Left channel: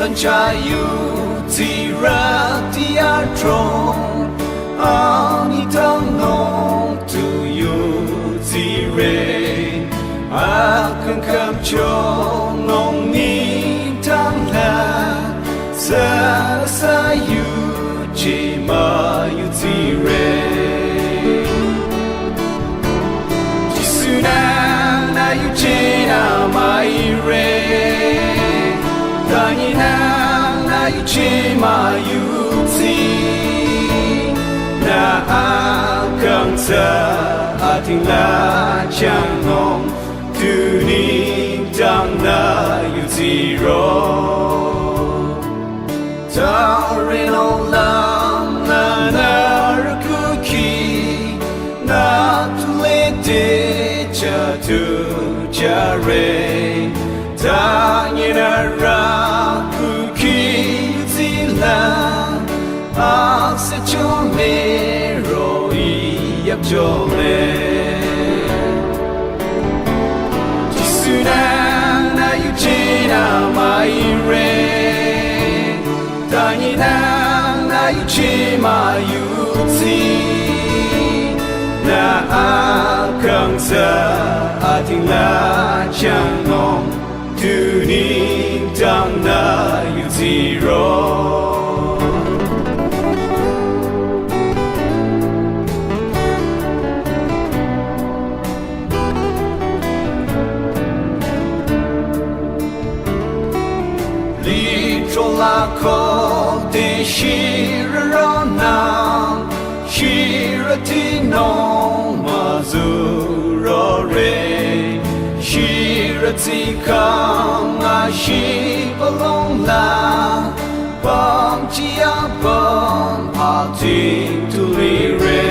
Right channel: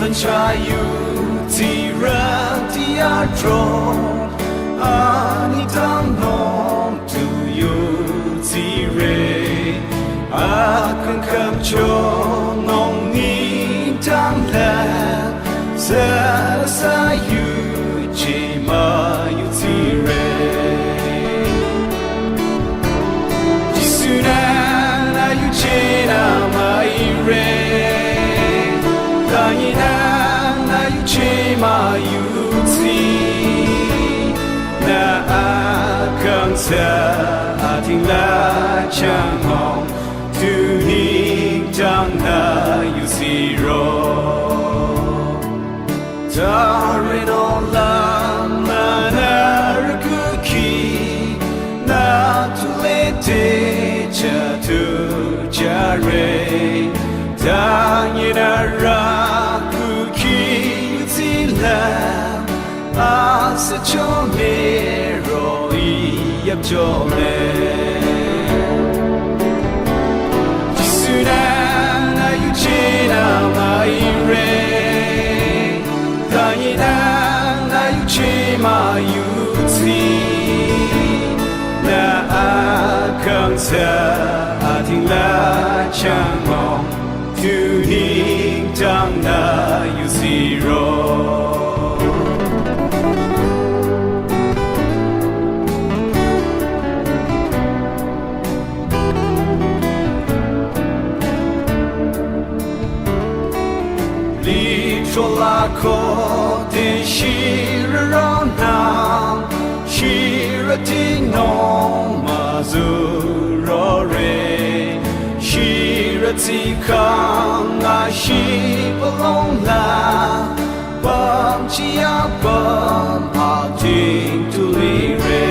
Sanchayu Tiratia Tron Anitang Nong to you Tire Akan Kam Cho Nong Ni Tang La Sarasa You Chema You Tire Jisuna Na You Chena Mai Re Tanina na yuchema yuzi na akang sa ating lachangong tunig tang na yuziro Darin olam na narakuki na tulete jatu jare Tanyina kuki yuzila Asa chome roi yap chome Jisuna na yuchina mai re Tanyina na yuchima yuzi Na akang sa ating lachangong Tuning tang na yuziro Litrola ko de shiraronang Shirati no mazuro re Shirati kang ashi balong la Bam chia bam ating tuli re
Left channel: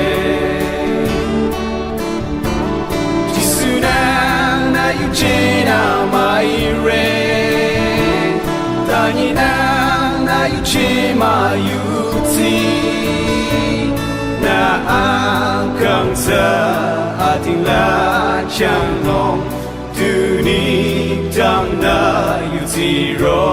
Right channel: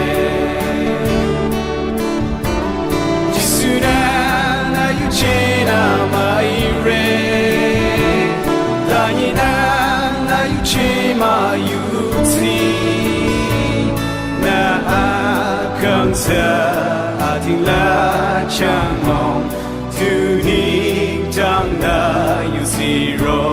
Jisuna na yuchena mai re Tanina na yuchema yuzi Na akang sa ating lachangong Tunig tang na yuziro